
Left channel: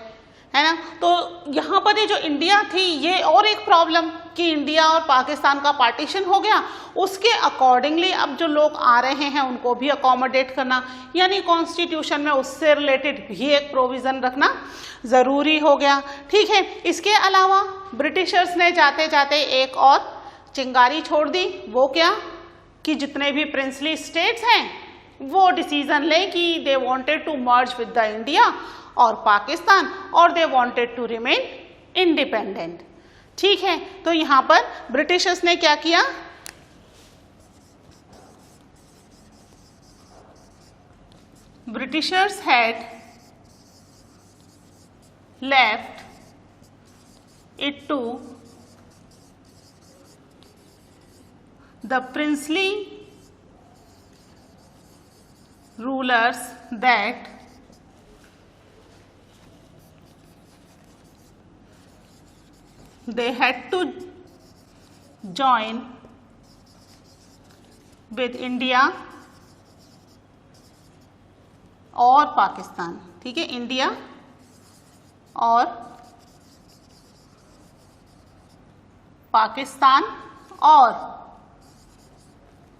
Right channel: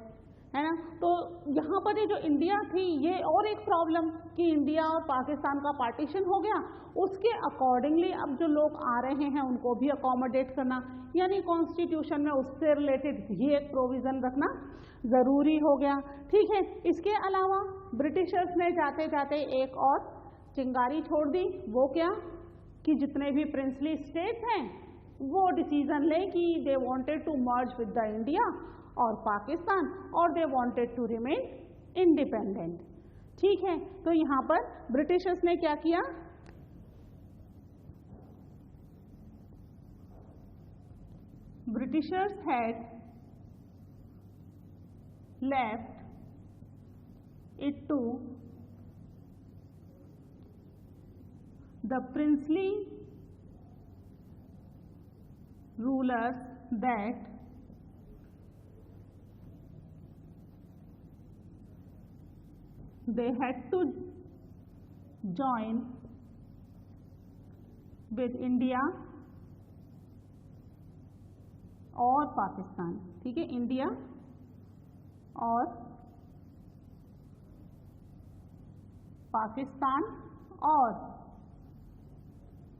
है ना। तो यहाँ पर ये जो इंडिया थी, ये और एक प्रॉब्लम कि इंडिया और पाकिस्तान का पार्टीशन हो गया, उसके अकॉर्डिंगली अब जो लोग आ रहे हैं उनको भी अकोमोडेट करना, यानी कॉन्स्टिट्यूशन में उससे रिलेटेड भी एक प्रोविज़न रखना ज़रूरी हो गया, ठीक है। इसके अलावा ब्रिटिशर्स ने जाते जाते एक और चिंगारी छोड़ दी, वो क्या कि जितने भी प्रिंसली स्टेट्स हैं वो डिसीजन लें कि they wanted to merge with the India और पाकिस्तान, और they wanted to remain independent, ठीक है। तो यहाँ पर ब्रिटिशर्स ने क्या किया, Britishers had left it to the princely rulers that they had to join with India और पाकिस्तान, ठीक है। इंडिया और पाकिस्तान और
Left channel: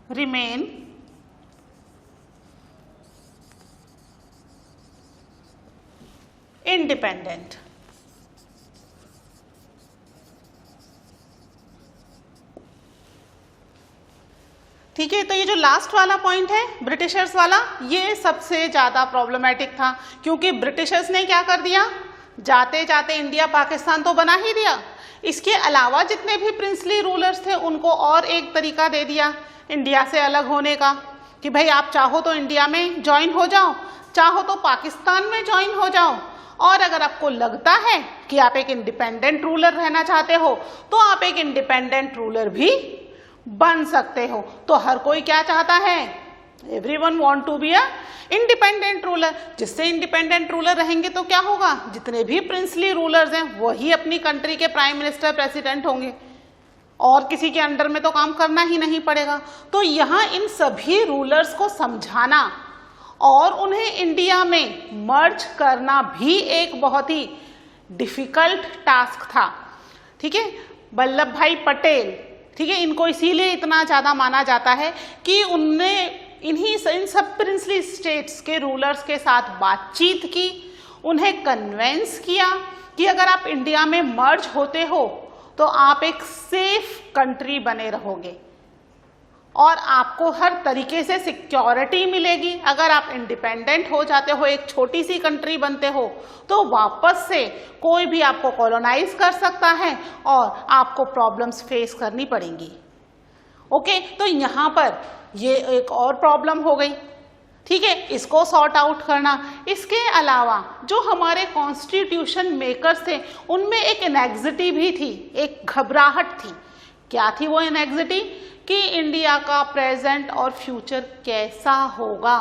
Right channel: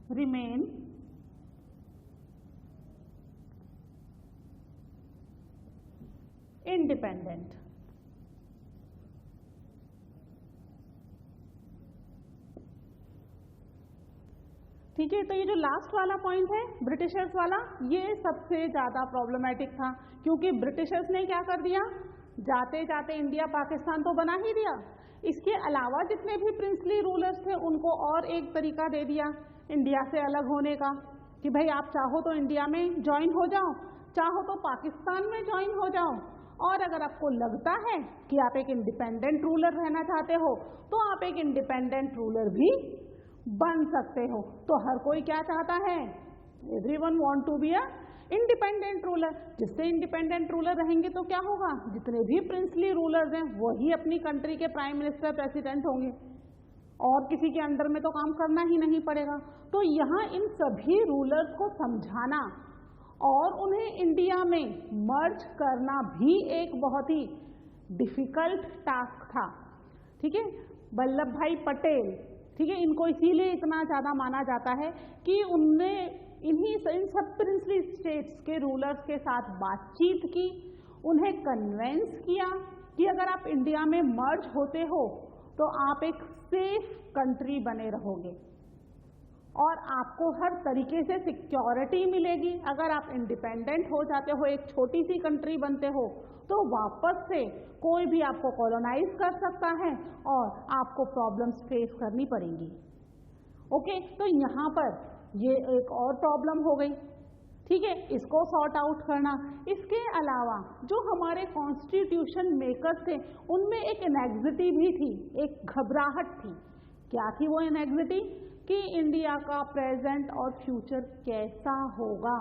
remain independent, ठीक है। तो ये जो लास्ट वाला पॉइंट है ब्रिटिशर्स वाला, ये सबसे ज़्यादा प्रॉब्लमेटिक था, क्योंकि ब्रिटिशर्स ने क्या कर दिया, जाते जाते इंडिया पाकिस्तान तो बना ही दिया, इसके अलावा जितने भी प्रिंसली रूलर्स थे उनको और एक तरीका दे दिया इंडिया से अलग होने का, कि भाई आप चाहो तो इंडिया में ज्वाइन हो जाओ, चाहो तो पाकिस्तान में ज्वाइन हो जाओ, और अगर आपको लगता है कि आप एक इंडिपेंडेंट रूलर रहना चाहते हो तो आप एक इंडिपेंडेंट रूलर भी बन सकते हो। तो हर कोई क्या चाहता है, everyone want to be a independent ruler. जिससे इंडिपेंडेंट रूलर रहेंगे तो क्या होगा, जितने भी प्रिंसली रूलर्स हैं वही अपनी कंट्री के प्राइम मिनिस्टर, प्रेसिडेंट होंगे, और किसी के अंडर में तो काम करना ही नहीं पड़ेगा। तो यहाँ इन सभी रूलर्स को समझाना और उन्हें इंडिया में मर्ज करना भी एक बहुत ही डिफिकल्ट टास्क था। ठीक है, वल्लभ भाई पटेल, ठीक है, इनको इसीलिए इतना ज़्यादा माना जाता है कि उनने इन सब प्रिंसली स्टेट्स के रूलर्स के साथ बातचीत की, उन्हें कन्वेंस किया कि अगर आप इंडिया में मर्ज होते हो तो आप एक सेफ कंट्री बने रहोगे और आपको हर तरीके से सिक्योरिटी मिलेगी। अगर आप इंडिपेंडेंट हो जाते हो, एक छोटी सी कंट्री बनते हो, तो वापस से कोई भी आपको कॉलोनाइज कर सकता है और आपको प्रॉब्लम्स फेस करनी पड़ेंगी। ओके, तो यहाँ पर ये एक और प्रॉब्लम हो गई। ठीक है, इसको सॉर्ट आउट करना। इसके अलावा जो हमारे कॉन्स्टिट्यूशन मेकर्स थे उनमें एक एनेक्सिटी भी थी, एक घबराहट थी। क्या थी वो एनेक्सिटी? कि इंडिया का प्रेजेंट और फ्यूचर कैसा होगा।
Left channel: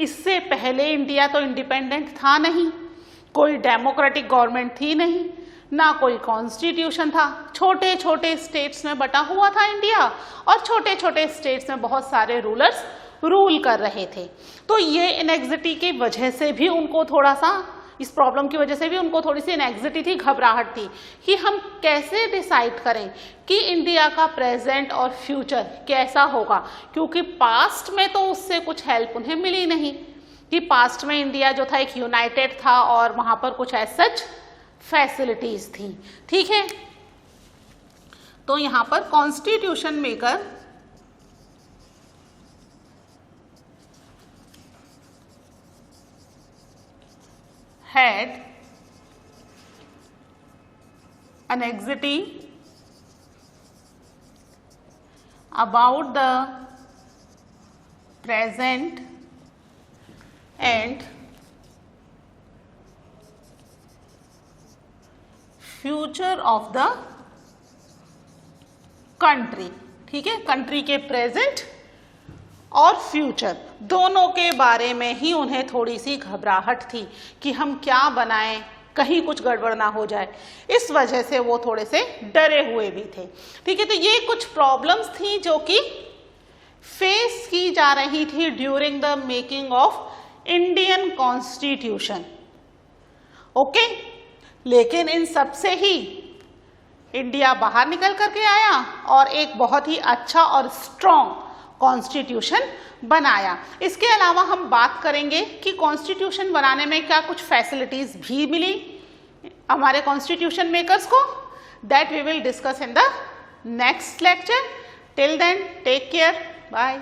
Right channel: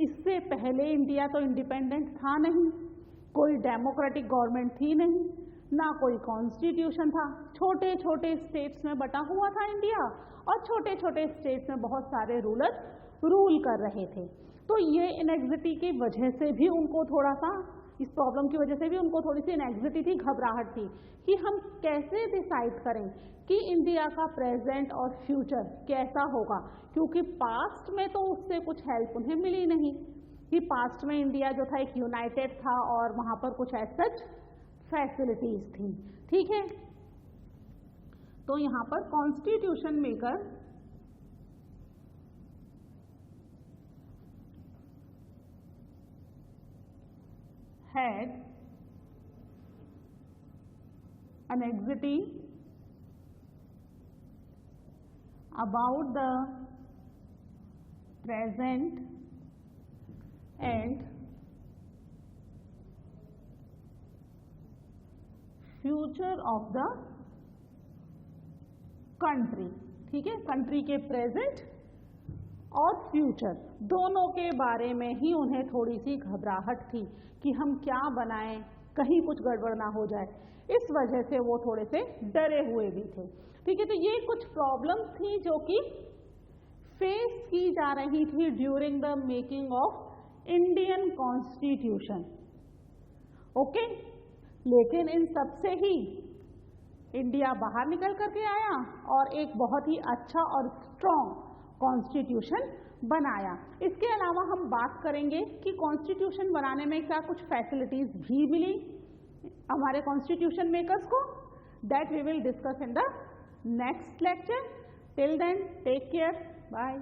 इससे पहले इंडिया तो इंडिपेंडेंट था नहीं, कोई डेमोक्रेटिक गवर्नमेंट थी नहीं, ना कोई कॉन्स्टिट्यूशन था, छोटे छोटे स्टेट्स में बटा हुआ था इंडिया और छोटे छोटे स्टेट्स में बहुत सारे रूलर्स रूल कर रहे थे। तो ये एनेक्सिटी की वजह से भी उनको थोड़ा सा, इस प्रॉब्लम की वजह से भी उनको थोड़ी सी एनेक्सिटी थी, घबराहट थी कि हम कैसे डिसाइड करें कि इंडिया का प्रेजेंट और फ्यूचर कैसा होगा, क्योंकि पास्ट में तो उससे कुछ हेल्प उन्हें मिली नहीं कि पास्ट में इंडिया जो था एक यूनाइटेड था और वहाँ पर कुछ एज सच फैसिलिटीज थी। ठीक है, तो यहाँ पर constitution maker had anxiety about the present and future of the country। ठीक है, कंट्री के प्रेजेंट और फ्यूचर दोनों के बारे में ही उन्हें थोड़ी सी घबराहट थी कि हम क्या बनाएं, कहीं कुछ गड़बड़ ना हो जाए। इस वजह से वो थोड़े से डरे हुए भी थे। ठीक है, तो ये कुछ प्रॉब्लम्स थी जो कि फेस की जा रही थी during the making of Indian constitution. Okay, लेकिन इन सब से ही इंडिया बाहर निकल करके आया और एक बहुत ही अच्छा और स्ट्रॉन्ग कॉन्स्टिट्यूशन बनाया। इसके अलावा हम बात करेंगे कि कॉन्स्टिट्यूशन बनाने में क्या कुछ फैसिलिटीज भी मिली हमारे कॉन्स्टिट्यूशन मेकर्स को। That we will discuss in the next lecture. Till then take care, bye.